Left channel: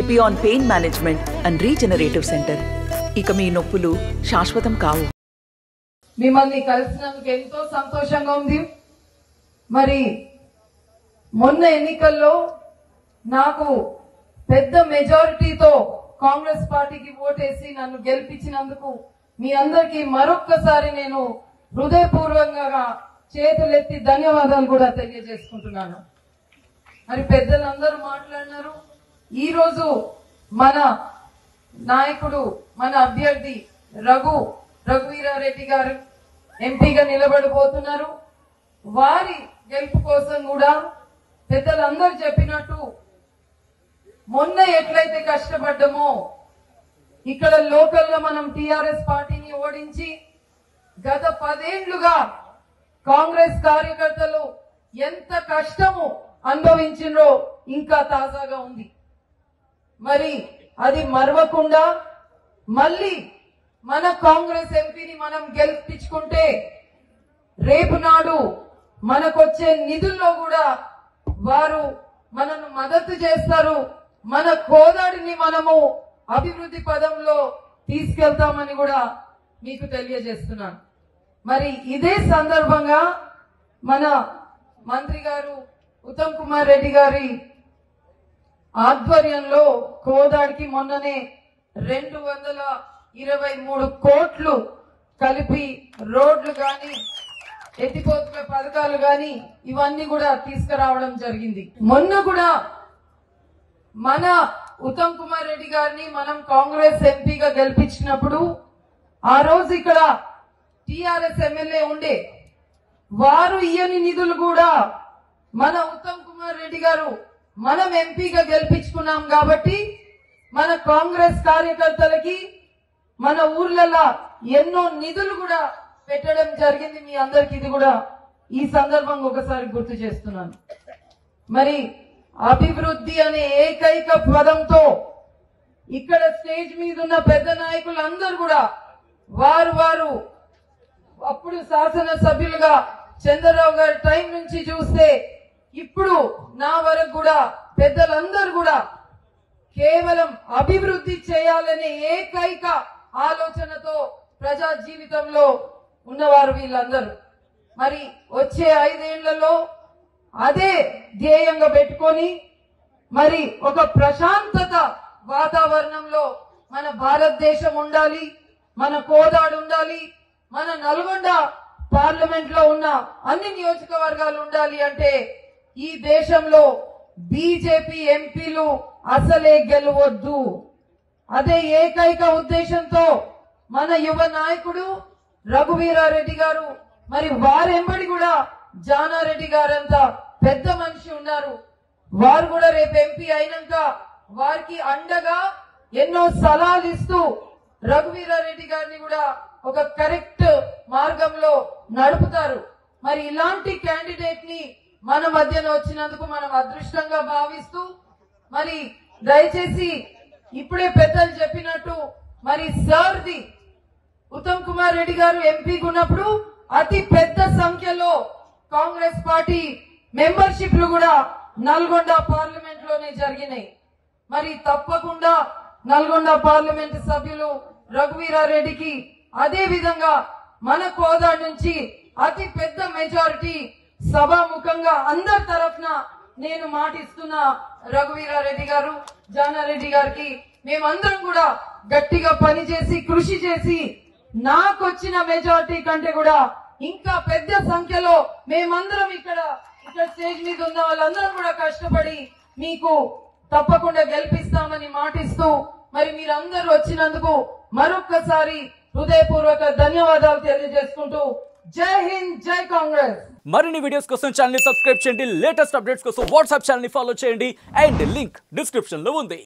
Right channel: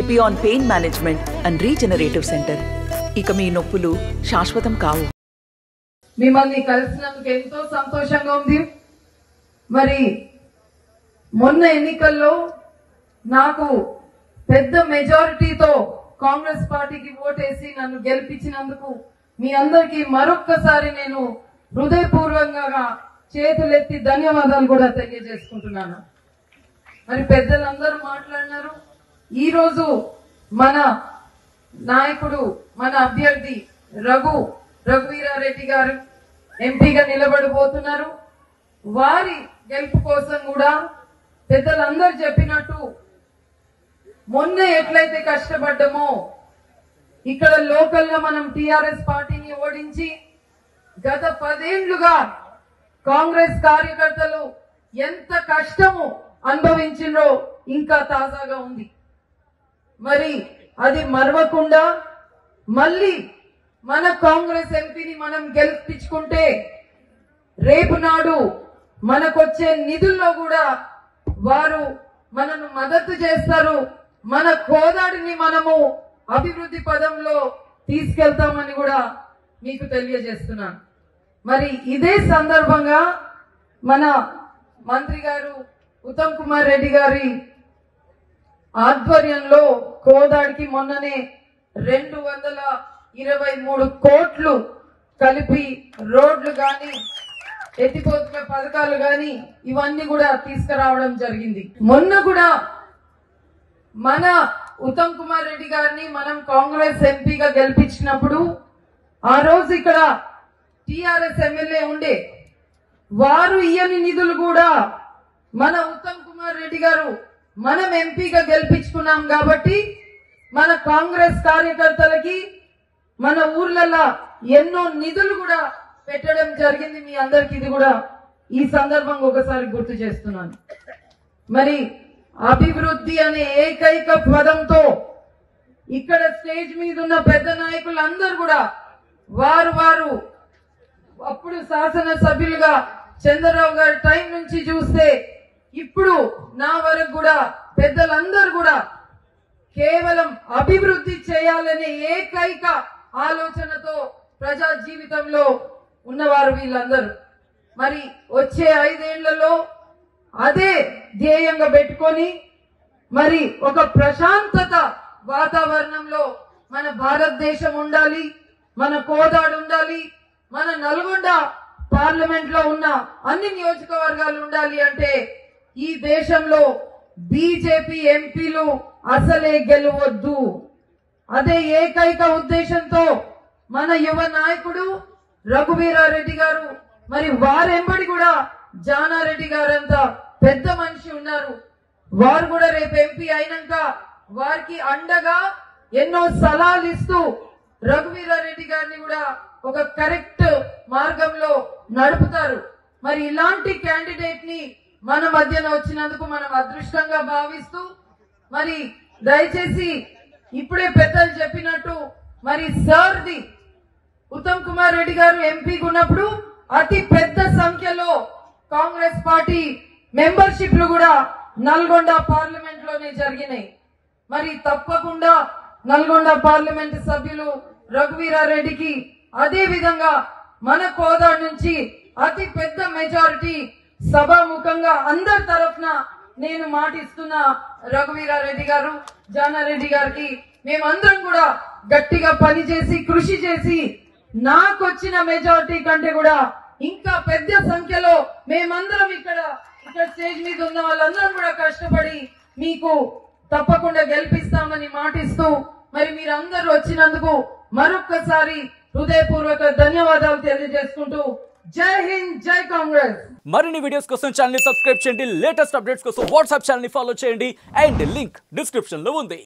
Epione pain management and regenerative centre. ఇక మీ నొప్పులు శాశ్వతం కావు. మిమ్మల్ని కలిసినందుకు ఎంతో సంతోషంగా ఉంది. మరి మొన్న ఎన్నికల్లో నాకు పెద్ద మెజారిటీతో కాంగ్రెస్ పార్టీకి ఓటేసి నన్ను గెలిపించినందుకు మీ అందరికీ మరొక్కసారి నేను హృదయపూర్వకంగా చేతులెత్తి ధన్యవాదాలు కూడా తెలియజేసుకుంటున్నాను. మరి పెద్దలందరూ మాట్లాడినారు. ఈ రోజు మన నాయకుడు, మన అభ్యర్థి రఘువీరారెడ్డి గారు ఎంపీగా నిలబడబోతున్నారు. వారి గెలుపు కోసం కూడా పెద్దలందరూ చెప్పినట్టు మొన్న ఎట్లయితే కష్టపడ్డామో ఇక్కడ లోకల్ గా మనం టిఆర్ఎస్ పార్టీని ఓడించి గత 10 ఏళ్లుగా కాంగ్రెస్ కార్యకర్తలు ఎంత కష్టము అనుభవించినో ఇంకా తాజాగా ఉంది. మరి అది మరవకుండా మళ్ళీ మన కాంగ్రెస్ ఎంపీని మనం గెలిపించుకుంటే రేపు నాడు మనకొచ్చే నిధుల్లో కూడా వారు మనను మద్దతు చేస్తారు. మన కోదాడిని మనము అభివృద్ధి పదంలో తీసుకెళ్తామని కూడా మీకు తెలియజేస్తున్నాను. మరి ఇదే సందర్భంగా మన మంత్రి గారు ఉత్తమ్ కుమార్ రెడ్డి గారి ఆధ్వర్యంలో కోదాడికి మొన్ననే 223 కోట్లు కలిపి రోడ్లు గాని ఎత్తిపోతుల పథకాలు గాని ఇవన్నీ కూడా తీసుకురావడం జరిగింది. మొన్న కూడా మన ఉత్తమ్ కుమార్ రెడ్డి గారిని మనం కాంగ్రెస్ ఎంపీగా గెలిపించినప్పుడు ఆ రోజు ఇక్కడ టిఆర్ఎస్ ఎమ్మెల్యే ఉండే వారు ఇయ్యని నిధులు కూడా మన ఉత్తమ్ కుమార్ రెడ్డి గారు మనం ఎంపీగా గెలిపించుకున్నాం కాబట్టి మన కాంగ్రెస్ కార్యకర్తలకి మన ఊర్లలో ఎన్నో నిధులు కూడా పెట్టడం జరిగింది. మీ అందరికి ఇది కూడా ఈ సందర్భంగా ఒకసారి గుర్తు చేస్తున్నాను. మరి అభివృద్ధి అనే ఏకైక పదంతో ఇక్కడ స్టేజ్ మీద ఉన్న పెద్ద నాయకులందరూ కూడా వారు అప్పుడు శాసనసభ్యులుగా చంద్రరావు గారి టైం నుంచి చూస్తే ఇప్పుడు నా వరకు కూడా పెద్దలందరూ కూడా కేవలం అభివృద్ధి చేయాలనే ఏకైక ఆలోచనతో ప్రజా జీవితంలో ఉన్నవారు వీళ్ళందరూ. మరి వచ్చే 5 ఏళ్లలో అదే ధ్యేయంగా పెట్టుకొని మరి ఒక ప్రశాంతత వాతావరణంలో మన భారతదేశం ఉండాలి, మన కోదాడు ఉండాలి, మన నల్గొండ పార్లమెంట్ లో ఉన్న అన్ని నియోజకవర్గాలు ఉండాలి అంటే ఈ దేశంలో బీజేపీ ఎంపీలు అసలే గెలవద్దు. అదే ఏకైక ఉద్దేశంతో మన యువ నాయకుడు రఘువీరారెడ్డి గారు మరి వారెంబడి కూడా జానారెడ్డి గారంతా పెద్ద మనిషి ఉన్నారు. వారు కూడా రేపు ఎంపీ అయినాక వారికి అండగా ఎన్నో సలహాలు ఇస్తూ రఘువీరారెడ్డి గారిని కూడా ఒక కరెక్ట్ మార్గంలో నడుపుతారు. మరి ఇలాంటి క్యాండిడేట్ ని మన మధ్యన వచ్చినందుకు మనం అదృష్టంగా భావిస్తూ మరి దయచేసి ఇప్పుడే పెద్దలు చెప్పినట్టు మరి సార్ది ఉత్తమ్ కుమార్ రెడ్డి గారు ఎంపీగా ఉన్నప్పుడు అతి పెద్ద సంఖ్యలో కాంగ్రెస్ పార్టీ మెంబర్షిప్లు కూడా నల్గొండ పార్లమెంట్ లోనే జరిగినాయి. మరి తప్పకుండా నల్గొండ పార్లమెంట్ సభ్యులు రఘువీరారెడ్డికి అదే విధంగా మన కోదాడు నుంచి అతి పెద్ద మెజారిటీ సభాముఖంగా అందరి తరఫున నేను మాటిస్తున్నా. రఘువీరారెడ్డి గారు, జానారెడ్డి గారికి మేమందరం కూడా గట్టిగా పనిచేసి కృషి చేసి నాకు వచ్చిన మెజారిటీ కంటే కూడా ఇంకా పెద్ద సంఖ్యలో మేమందరం ఇక్కడ స్టేజ్ మీద ఉన్న వాళ్ళందరం కూడా కష్టపడి మీకు తప్పకుండా గెలిపిస్తామని మాటిస్తూ మరి మీరందరూ వచ్చినందుకు మరొక్కసారి హృదయపూర్వక ధన్యవాదాలు తెలియజేసుకుంటూ జై హింద్, జై కాంగ్రెస్. మరిన్ని వీడియోస్ కోసం ఛానల్ ని సబ్స్క్రైబ్ చేయండి. లేటెస్ట్ అప్డేట్స్ కోసం వాట్సాప్ ఛానల్ ని ఫాలో చేయండి. అండ్ లింక్ డిస్క్రిప్షన్ లో ఉంది.